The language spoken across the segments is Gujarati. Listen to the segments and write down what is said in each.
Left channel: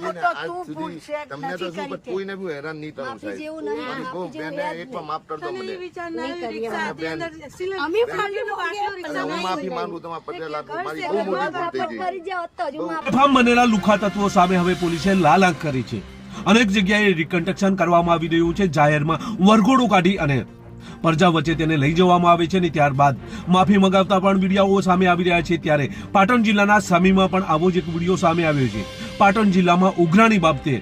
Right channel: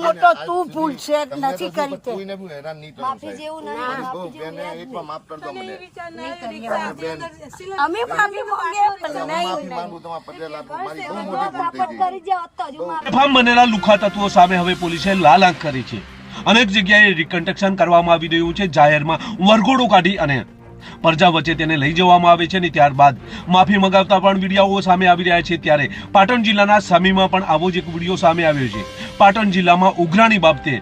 મોટા મોટો તું ભૂલ છે નથી કરી તે કોઈને બી હેરાન નહીં થવું માફી જેવું નહીં, માફી જેવું હે જ એકમાં માફ કરી દો મને નહીં કરીએ અમે માફી માંગે પણ નહીં માફી માંગુ તમારા પટેલ આપો મારી બહુ મોટી ભૂલ થઈ ગઈ કરી જાઓ તો હજુ માફી બેફામ બનેલા લુખ્ખા તત્વો સામે હવે પોલીસે લાલ આંખ કરી છે। અનેક જગ્યાએ રિકન્સ્ટ્રક્શન કરવામાં આવી રહ્યું છે। જાહેરમાં વરઘોડું કાઢી અને પ્રજા વચ્ચે તેને લઈ જવામાં આવે છે અને ત્યારબાદ માફી મંગાવતા પણ વિડીયો સામે આવી રહ્યા છે। ત્યારે પાટણ જિલ્લાના સમીમાં પણ આવો જ એક વિડીયો સામે આવ્યો છે। પાટણ જિલ્લામાં ઉઘરાણી બાબતે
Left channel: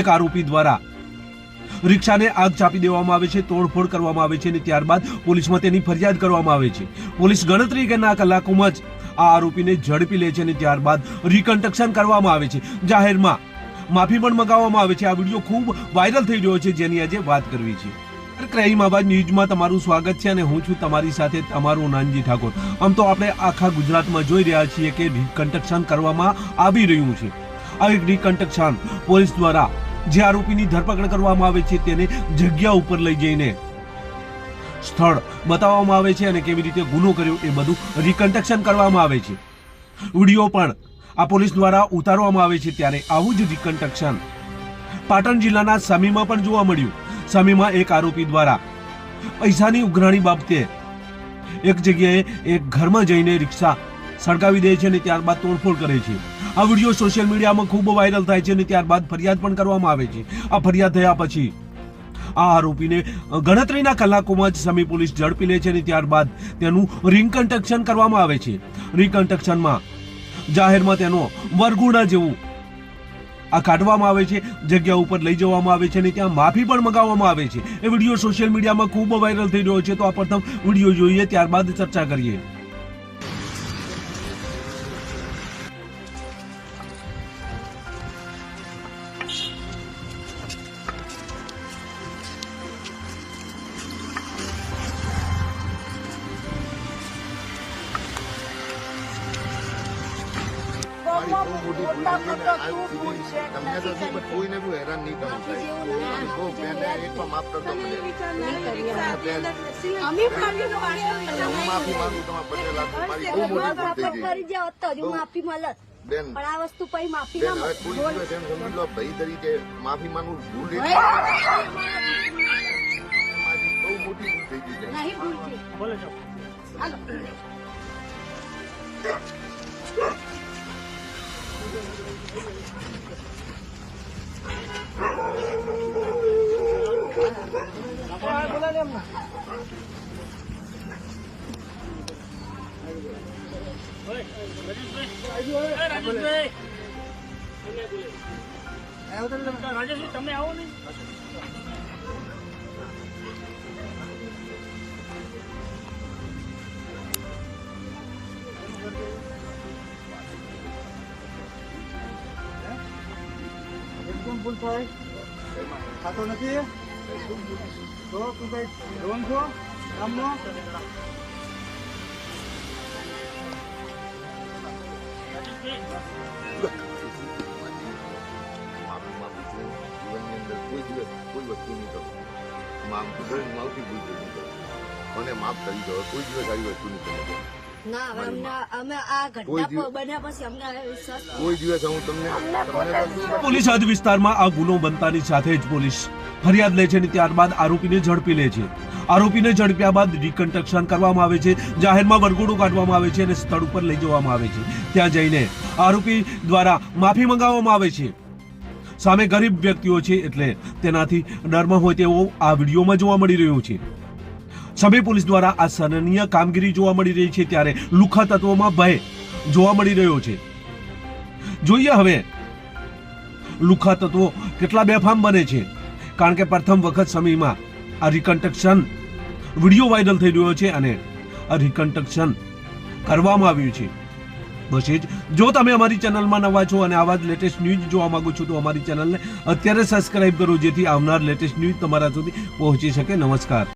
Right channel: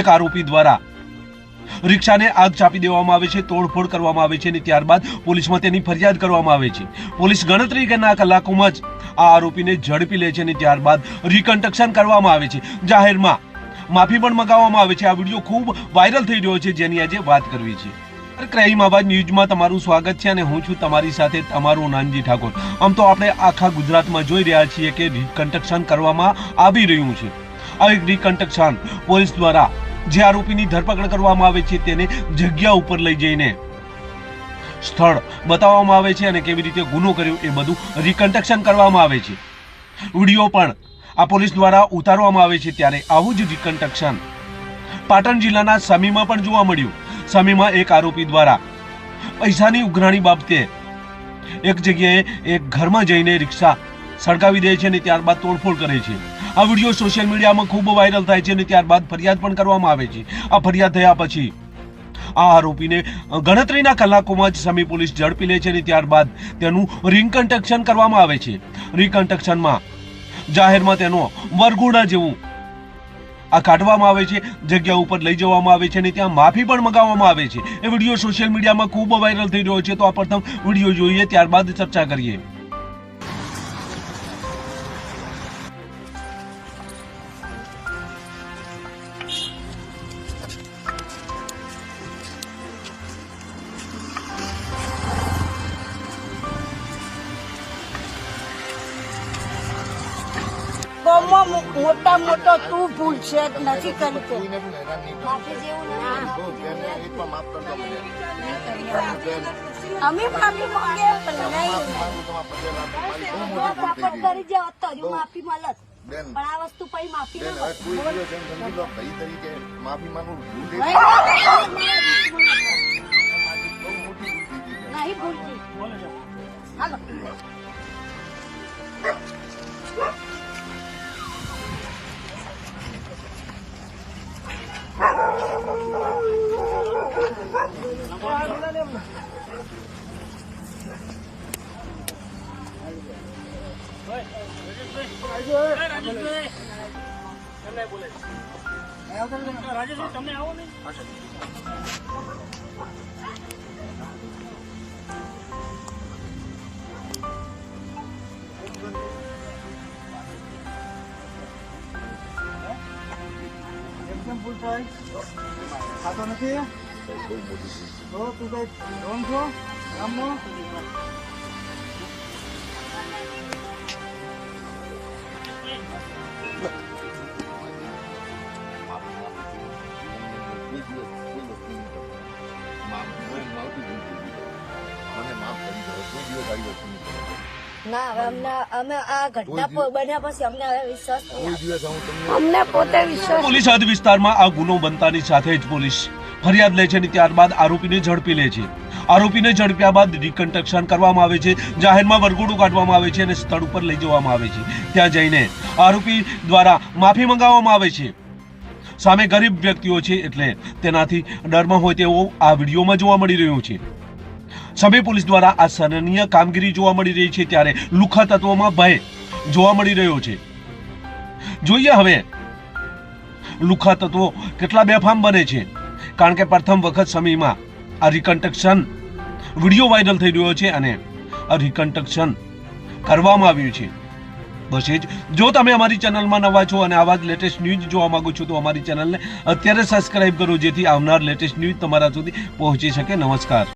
એક આરોપી દ્વારા રિક્ષાને આગ ચાપી દેવામાં આવે છે, તોડફોડ કરવામાં આવે છે અને ત્યારબાદ પોલીસમાં તેની ફરિયાદ કરવામાં આવે છે। પોલીસ ગણતરીના કલાકોમાં જ આ આરોપીને ઝડપી લે છે અને ત્યારબાદ રિકન્સ્ટ્રક્શન કરવામાં આવે છે। જાહેરમાં માફી પણ મંગાવવામાં આવે છે। આ વિડીયો ખૂબ વાયરલ થઈ રહ્યો છે, જેની આજે વાત કરવી છે। ક્રાઇમ આવાજ ન્યૂઝમાં તમારું સ્વાગત છે અને હું છું તમારી સાથે તમારો નાનજી ઠાકોર। આમ તો આપણે આખા ગુજરાતમાં જોઈ રહ્યા છીએ કે રિકન્સ્ટ્રક્શન કરવામાં આવી રહ્યું છે। આ રિકન્સ્ટ્રક્શન પોલીસ દ્વારા જે આરોપીની ધરપકડ કરવામાં આવે છે તેને જગ્યા ઉપર લઈ જઈને સ્થળ બતાવવામાં આવે છે અને કેવી રીતે ગુનો કર્યો એ બધું રિકન્સ્ટ્રક્શન કરવામાં આવે છે। વિડીયો પણ આ પોલીસ દ્વારા ઉતારવામાં આવે છે। ત્યારે આવું જ રિકન્સ્ટ્રક્શન પાટણ જિલ્લાના સમીમાં પણ જોવા મળ્યું। સમીમાં એક આરોપી દ્વારા પૈસાની ઉઘરાણી બાબતે એક જગ્યાએ એક ઘરમાં જઈને રિક્ષા સળગાવી દે છે અને ત્યારબાદ તોડફોડ કરે છે। આ વિડીયો સોશિયલ મીડિયામાં ખૂબ વાયરલ થાય છે અને ત્યારબાદ ફરિયાદ પણ કરવામાં આવે છે। આ ફરિયાદ થયા પછી આ આરોપીને ગણતરીના કલાકોમાં જ સમી પોલીસ ઝડપી લે છે અને ત્યારબાદ તેનું રિકન્સ્ટ્રક્શન કરવામાં આવે છે। રિકન્સ્ટ્રક્શનમાં જાહેરમાં તેનો વરઘોડા જેવું આ કાઢવામાં આવે છે, જગ્યા ઉપર લઈ જવામાં આવે છે અને ત્યાં માફી પણ મંગાવવામાં આવે છે। એ વિડીયો સોશિયલ મીડિયામાં ખૂબ વાયરલ થઈ રહ્યો છે। તો આ પ્રથમ વિડીયો જોઈએ, ત્યારબાદ ચર્ચા કરીએ। મોટા મોટો તું ભૂલ છે નથી કરી તે કોઈને બી હેરાન નહીં થવું માફી જેવું નહીં, માફી જેવું હે જ એકમાં માફ કરી દો મને નહીં કરીએ અમે માફી માંગે પણ નહીં સપોર્ટ કરી જાઓ તો હજુ માફી મળે બેન પણ આ વસ્તુ પછી માફી ના મળે કોઈ દિવસ એમ સમજી લો ભાઈ તરીકે માફી માંગુ ભૂલ થઈ ગઈ। નહીં ભૂલતી હાલો તમે આવો ને એકદમ ભૂલ થાય ખાતો નથી તું કઈ રોંગ છો ગામમાં મને માફ કરી દો, કોઈ દિવસ આવી વસ્તુ નહીં કરું। ના હવે અમે આ ઘટના બન્યા પછી અમને હવે વિશ્વાસ કોઈ દિવસ હું તમને અમને પોતે વિશ્વાસ પોલીસ હદ વિસ્તારમાં આ ગુનો બનતાની સાથે જ પોલીસ ફરિયાદ લે છે અને ત્યારબાદ આરોપીને ઝડપી લે છે। આરોપીને ઝડપ્યા બાદ રિકન્સ્ટ્રક્શન કરવામાં આવે છે, જાહેરમાં વરઘોડું કાઢવામાં આવે છે અને સ્થળ ઉપર લઈ જવામાં આવે છે। ત્યાં જઈને આરોપી દ્વારા માફી મંગાવવામાં આવે છે। સામે ગરીબ વ્યક્તિઓ છે એટલે તેનાથી ડરમાં હોય તેવો આ વિડીયોમાં જોવા મળી રહ્યું છે। સમી પોલીસ દ્વારા આ સરાહનીય કામગીરી જોવા મળી રહી છે। ત્યારે લુખ્ખા તત્વોમાં ભય જોવા મળી રહ્યો છે। જોઈએ હવે લુખ્ખા તત્વો કેટલા બેફામ બને છે, કારણ કે પ્રથમ વખત સમીમાં આ રિકન્સ્ટ્રક્શન વિડીયો વાયરલ થઈ રહ્યો છે અને આ રિકન્સ્ટ્રક્શન કરવામાં આવ્યું છે। બસ એ જ, જો તમે અમારી ચેનલમાં નવા છો અને આવા જ લેટેસ્ટ ન્યૂઝ જોવા માંગો છો તો અમારી ચેનલને અત્યારે સબસ્ક્રાઇબ કરો, જેથી આવનાર લેટેસ્ટ ન્યૂઝ તમારા સુધી પહોંચી શકે। નમસ્કાર।